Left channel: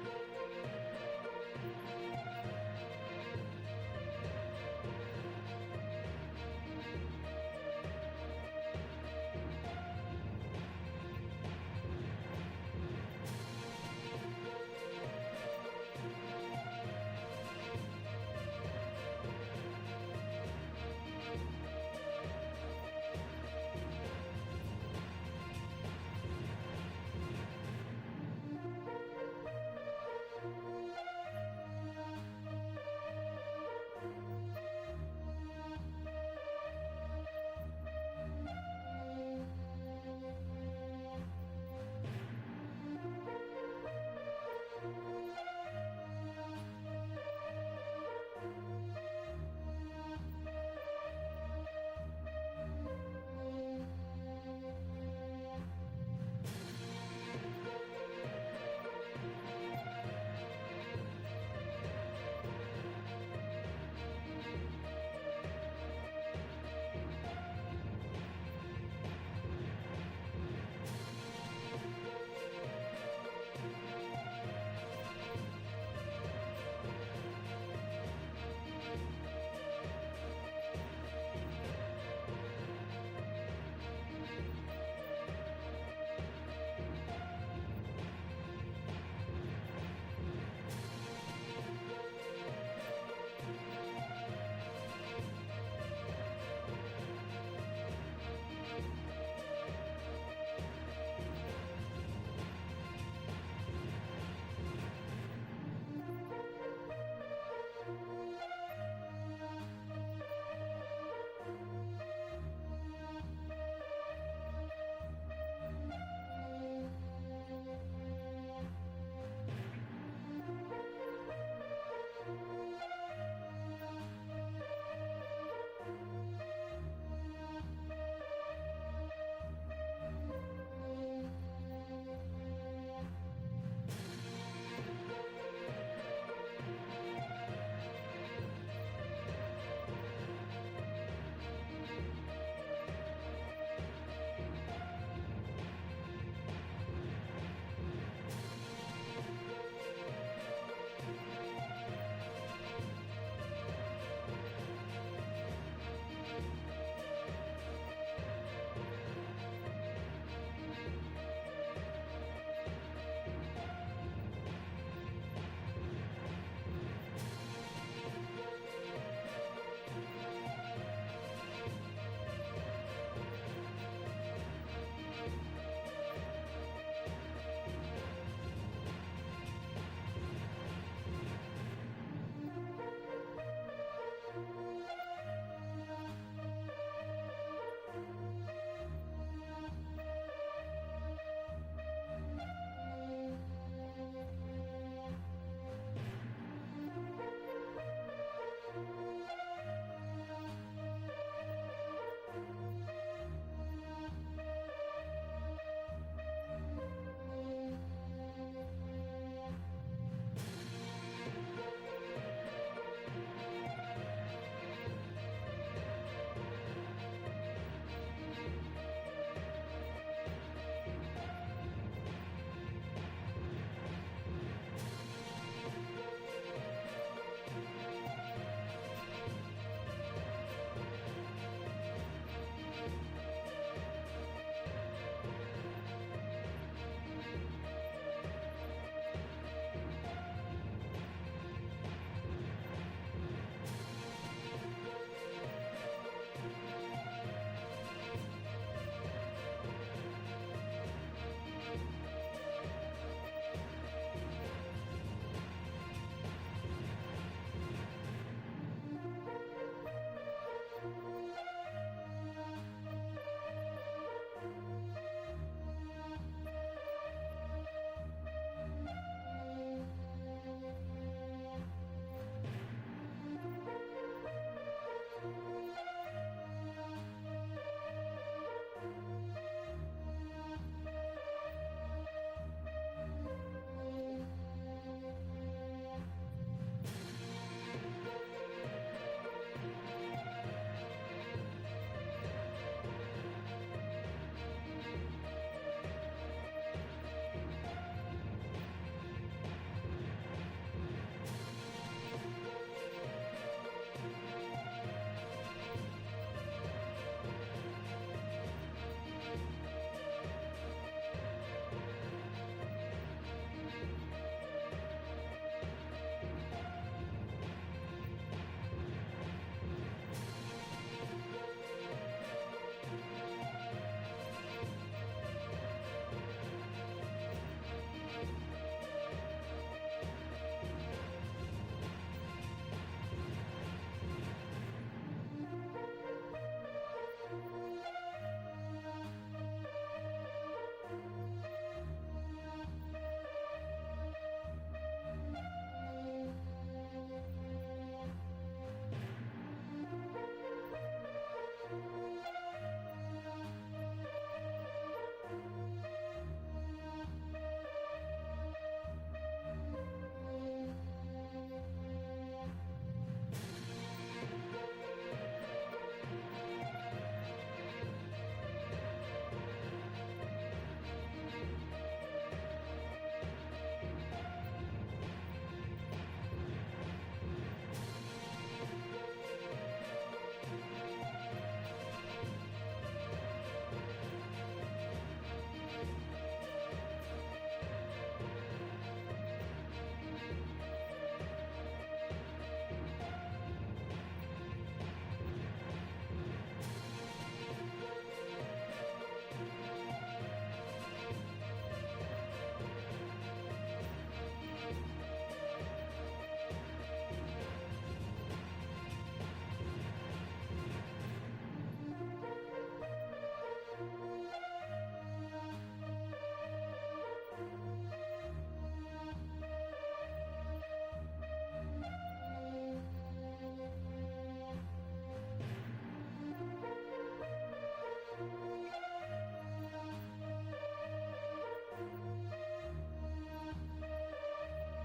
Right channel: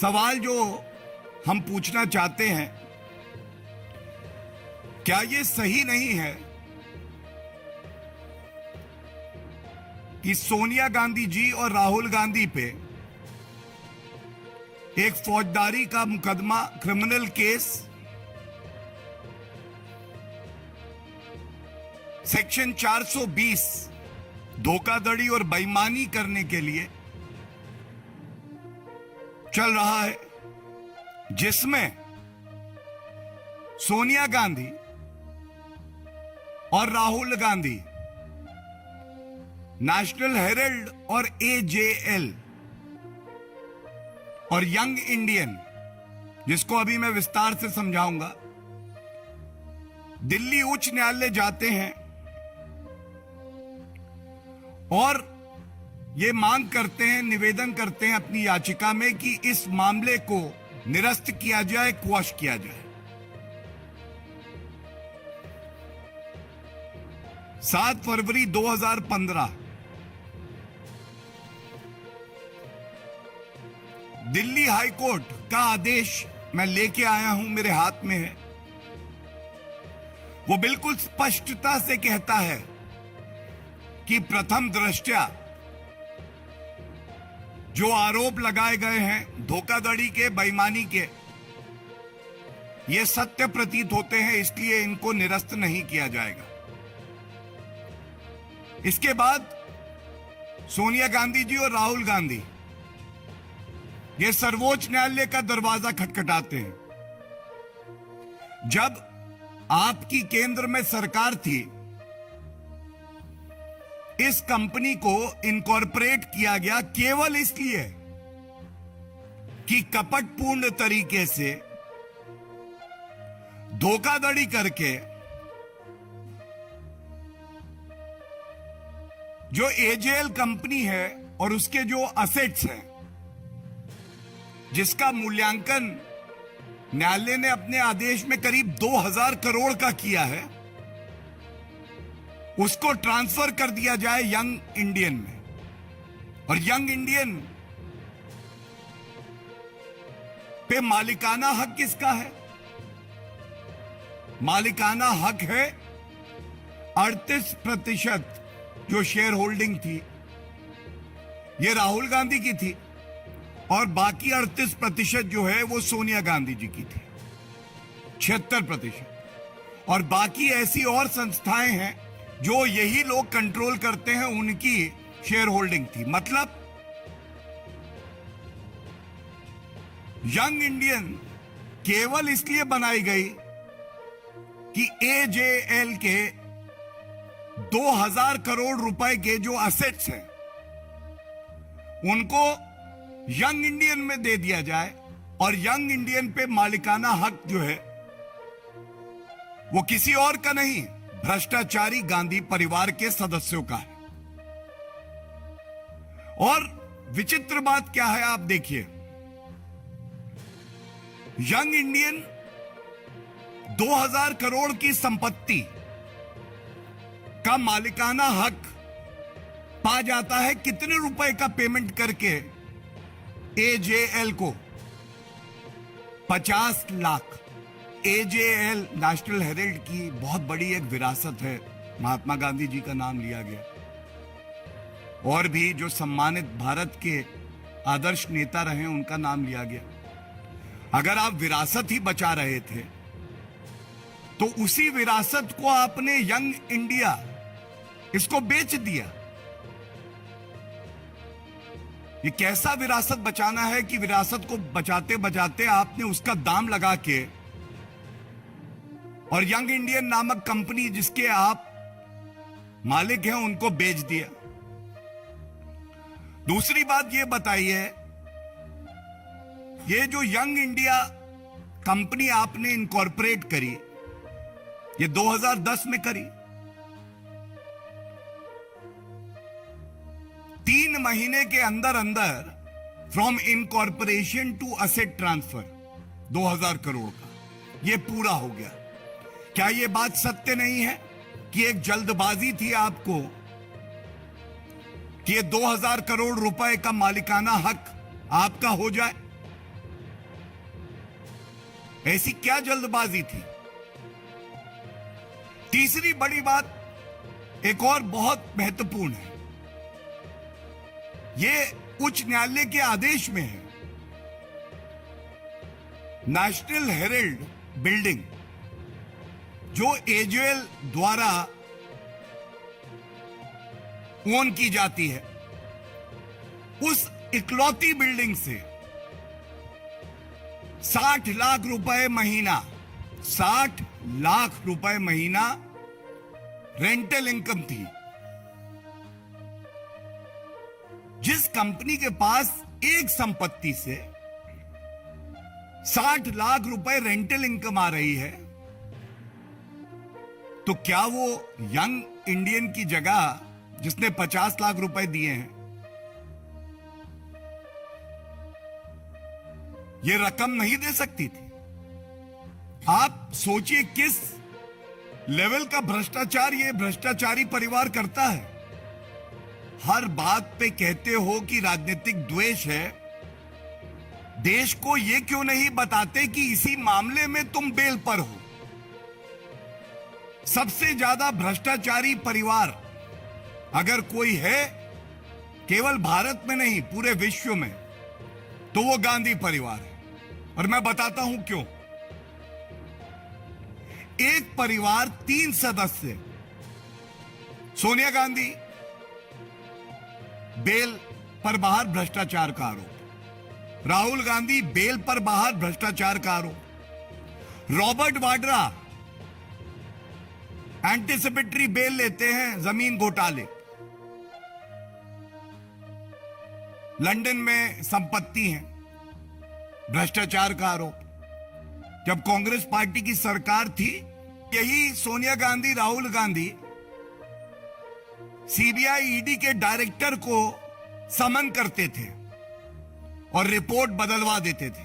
सवाल जो हम पूछना चाहते हैं, क्या ये सही नहीं है कि सोनिया गांधी जी और राहुल गांधी पे एक फौजदारी का मुकदमा, क्रिमिनल केस सेक्शन 420 धोखाधड़ी और बेईमानी करने के लिए चल रहा है, जिसमें सोनिया गांधी और राहुल गांधी नेशनल हेरल्ड और एजेएल और यंग इंडियन, जिसको अभी मैं विस्तार से समझाऊंगा, दिल्ली उच्च न्यायालय जाते हैं और ये मांग करते हैं, निवेदन करते हैं अपनी याचिका में कि इस मामले को निरस्त किया जाए, क्वॉश किया जाए। 7 फरवरी 2015 दिल्ली हाई कोर्ट का आदेश मैं लेके आया हूं, मेरे हाथ में है। वो बिल्कुल स्पष्टता से कहता है कि प्रथम दृष्टया जो आरोप लगाए गए हैं धोखाधड़ी के, बेईमानी के, ये सत्य प्रतीत होते हैं, इसलिए इनको निरस्त नहीं किया जाएगा। इसके बाद सोनिया गांधी जी और राहुल गांधी ये सर्वोच्च न्यायालय का दरवाजा खटखटाते हैं। जब आपकी केंद्र में सरकार थी, इस कंपनी को इनकॉर्पोरेट किया गया केवल इसलिए कि कपटपूर्ण तरीके से धोखाधड़ी करके जो एजेएल कंपनी है और उसके जो असेट्स हैं, जिसका मूल्यांकन न्यायालय ने अपने आदेश में करीब 2000 करोड़ का किया है, उसको ट्रांसफर कर दिया जाए यंग इंडियन में। और यंग इंडियन पे मालिकाना हक किसका है? मालिकाना हक है 38% जो शेयर होल्डिंग थी, ये राहुल गांधी की थी, और बाकी 38% जो है वो सोनिया गांधी जी की थी, 76%। और बाकी ऐसी और संस्थाएं हैं जो यही लोग कंट्रोल करते हैं, उनकी शेयर होल्डिंग थी। मतलब यंग इंडियन केवल इसलिए बनाई गई कि एजेएल के 2000 करोड़ रुपए के जो असेट्स हैं उनको यंग इंडियन में दे दिया जाए, और यंग इंडियन पे मालिकाना हक जो है वो किसी और का नहीं, भ्रष्टाचारी गांधी परिवार के सदस्यों का है। और विचित्र बात क्या है, आप देखिए, यंग इंडियन 2000 करोड़ की संपत्ति का मालिकाना हक पा जाता है कितने रुपए का पेमेंट करके? एजेएल को 50 लाख। एजेएल नेशनल हेरल्ड की बहुत बड़ी एक विरासत है, महात्मा गांधी जी का नाम लिया गया, और भी जो सम्मानित भारत के आदर्श नेता रहे उनका नाम लिया गया। अगर आप विरासत ही बचा रहे थे तो उसी विरासत को आपने यंग इंडिया इसको बेच दिया। ये कैसा विरासत बचाना है कि विरासत को बचाते बचाते आपने उसका दाम लगा के और यंग इंडियन नामक कंपनी जिसके आप मालिक हैं उनको बेच दिया। दूसरी बात ये बताइए, ये जो यंग इंडिया कंपनी आपने इनकॉर्पोरेट करी, ये 2010 में करी, 3 महीने के अंदर अंदर from incorporation to asset transfer 2000 crore का ये पूरा हो गया। क्या ये बात सत्य नहीं है कि एक जल्दबाजी थी आपको कि ये 2000 करोड़ रुपए का मालिकाना हक आपका हो जाए? ऐसी क्या जल्दबाजी थी? तीसरी बड़ी बात एक और बहुत महत्वपूर्ण है, ये उच्च न्यायालय के आदेश में है। नेशनल हेराल्ड बिल्डिंग जो एजेएल द्वारा ओन की जाती है, उस इकलौती बिल्डिंग से 60 लाख रुपए महीना 60 लाख रुपए महीना रेंटल इनकम थी। जिस कंपनी के पास एक संपत्ति से 60 लाख रुपए रेंटल इनकम आ रही है, तो क्या वो यंग इंडियन की जगह जिसने 50 लाख रुपए दिए हैं, ये रकम नहीं दे सकती थी? आप सोचिए किस लेवल का भ्रष्टाचार ये भ्रष्टाचारी परिवार करता है। हर बात पे कहते हो कि राजनीतिक द्वेष है, देश को ये क्यों नहीं बताते कि इसी मामले में तुम बेल पर हो? सबसे ज्यादा भ्रष्टाचारी परिवार अगर कोई है, केवल भारत में नहीं पूरे विश्व में, तो वो गांधी परिवार है। और मैं बताता हूं क्यों। एक परिवार 3 सदस्य, सोनिया गांधी बेल पर बाहर भ्रष्टाचार का आरोप, राहुल गांधी बेल पर बाहर भ्रष्टाचार का आरोप, रॉबर्ट वाड्रा एंटीसिपेटरी बेल लेते हैं जमीन घोटाले, लंदन में संपत्ति है, भ्रष्टाचार का आरोप। जब कांग्रेस पार्टी की सरकार थी, यही सोनिया गांधी राहुल गांधी सीबीआई ईडी के डायरेक्टर को समन करते थे और रिपोर्ट बदलवा देते थे,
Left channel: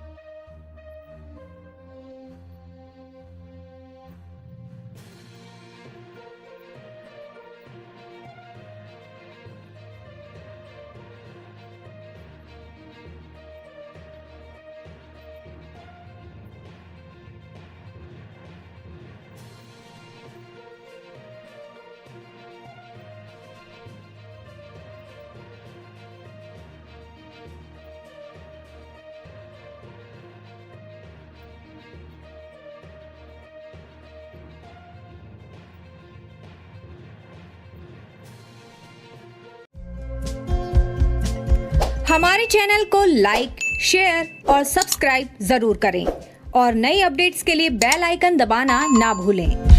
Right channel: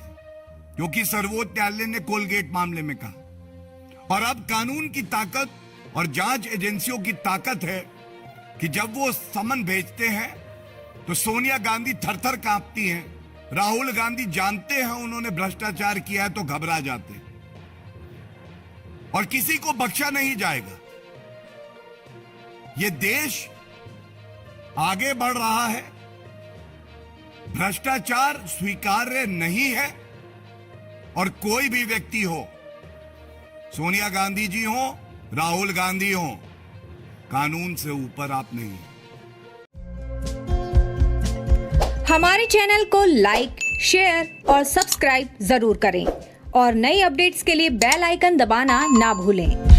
क्योंकि सर्वोच्च न्यायालय ने कोलगेट मामले में कहा। और अब कानून की ताकत और जांच एजेंसियों की ताकत है कि जब वो समन भेजते हैं तो सोनिया गांधी थरथर कांपती हैं, राहुल गांधी जानते हैं उन्होंने भ्रष्टाचार किया है तो घबरा जाते हैं, और किसी को बख्शा नहीं जाएगा। ये देश आगे बढ़ रहा है, भ्रष्टाचार स्वीकार्य नहीं है, और कोई भी व्यक्ति हो, सोनिया गांधी जी हो, राहुल गांधी हो, कानून से ऊपर आप नहीं हो। हमारे चैनल को लाइक, शेयर और सब्सक्राइब जरूर करें और नई अपडेट्स के लिए बेल आइकन दबाना ना भूलें।